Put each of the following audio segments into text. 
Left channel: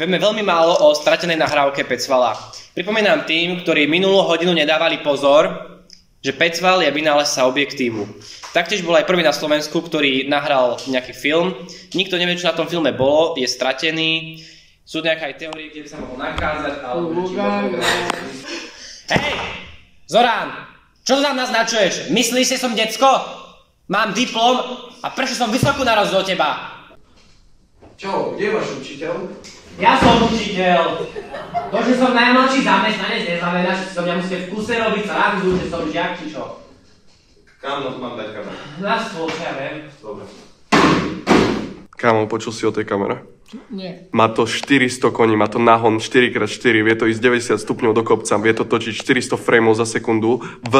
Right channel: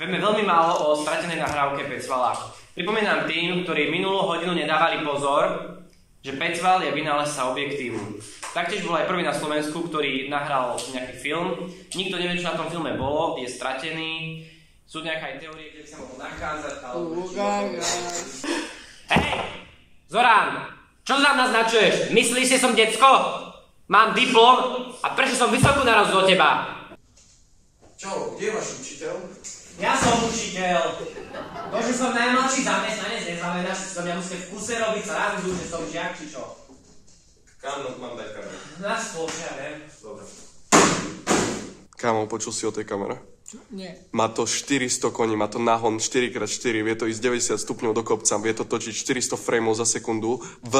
Vieme veľmi málo o stratenej nahrávke Pecvala. Pripomínam tým, ktorí minulú hodinu nedávali pozor, že Pecval je vynálezca objektívu. Taktiež bol aj prvý na Slovensku, ktorý nahral nejaký film. Nikto nevie, čo na tom filme bolo, je stratený. Sú nejaké aj teórie, kde by sa mohol nakázať, alebo... Hej! Zorán! Čo tam naznačuješ? Myslíš si, som decko? Mám diplom a prečo som vysokú na rozdiel od teba? Čo? Kde je váš učiteľ? Ja som učiteľ. To, že som najmladší zamestnanec, neznamená, že som mňa musíte v kuse robiť srandu, že som žiak, či čo. Kam mám dať kameru? Na stôl, ja viem. Dobre. Kámo, počul si o tej kamere? Nie. Má to 400 koní, má to nahon 4x4, vie to ísť 90 stupňov do kopca, vie to točiť 400 frameov za sekundu v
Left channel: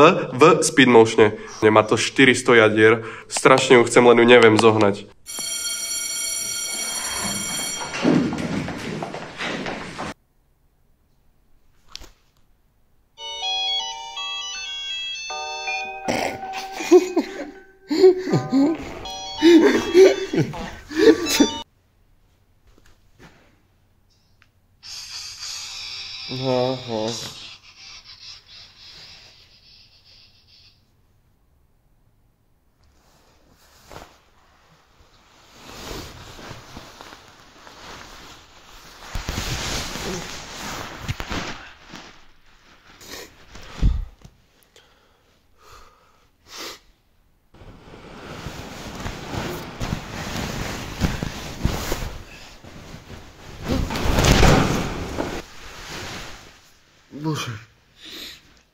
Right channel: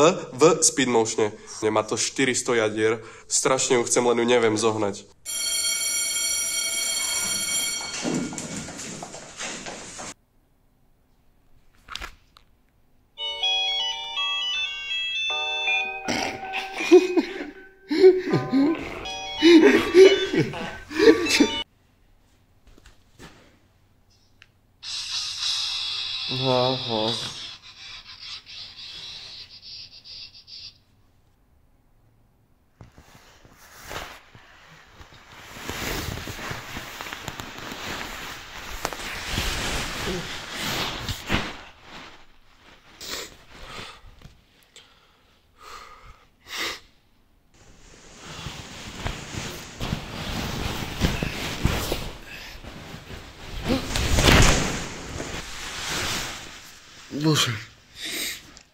speed motione. Má to 400 jadier, strašne ju chcem, len ju neviem zohnať. Aha. Bože,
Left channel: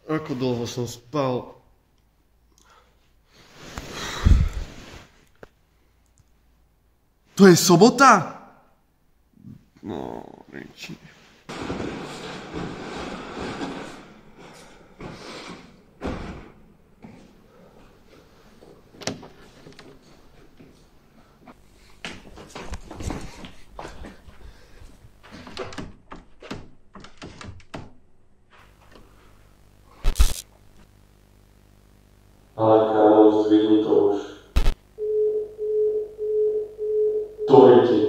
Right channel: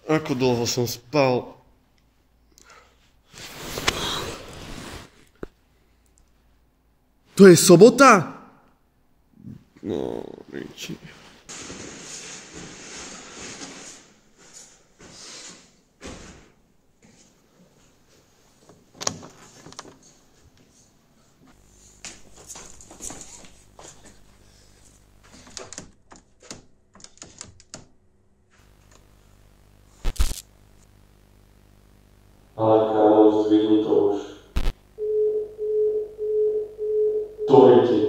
ako dlho som spal. To je sobota? No, Riči. Ale kámo, zdvihni to už. To je ti.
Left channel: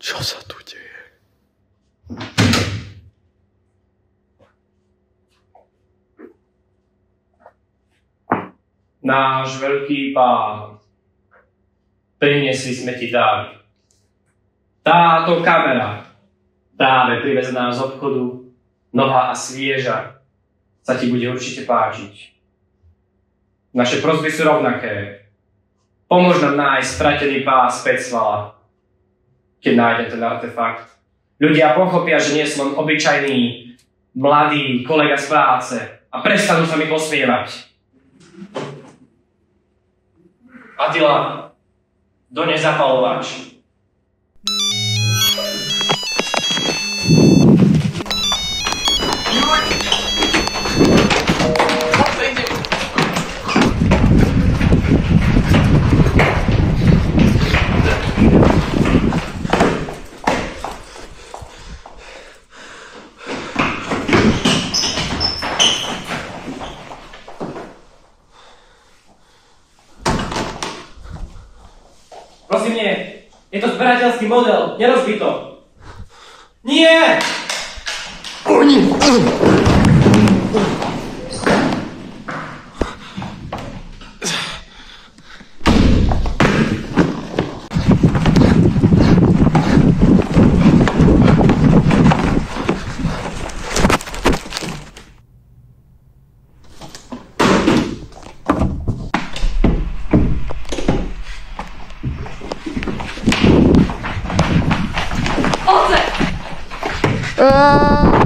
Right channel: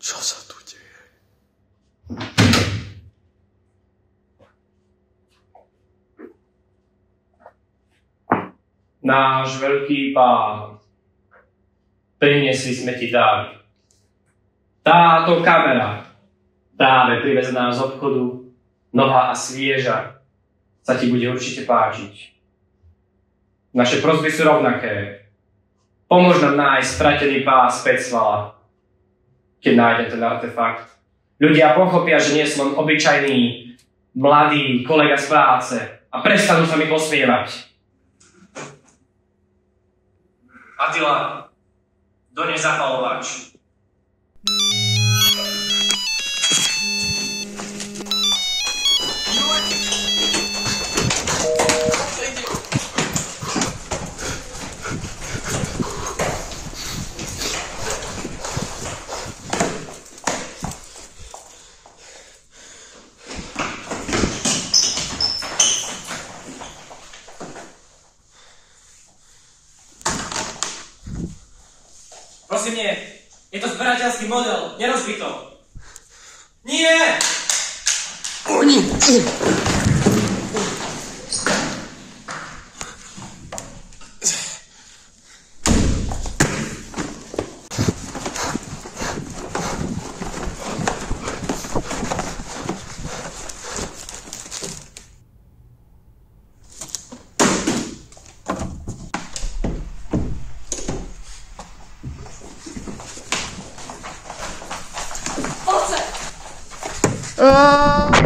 Čo sa tu deje? Náš veľký pán, priniesli sme ti dar. Táto kamera, práve privezená z obchodu, nová a svieža, sa ti bude určite páčiť. Naše prosby sú rovnaké. Pomôž nám nájsť stratený pás Pecvala. Keď nájdem ten artefakt, ľudia pochopia, že nie som len obyčajný, mladý kolega z práce a prestanú sa mi posmievať. Attila, dones zapalovač. Prosím, nie. Je to zberateľský model. Nerozbij to. Nie! Oni! Oh!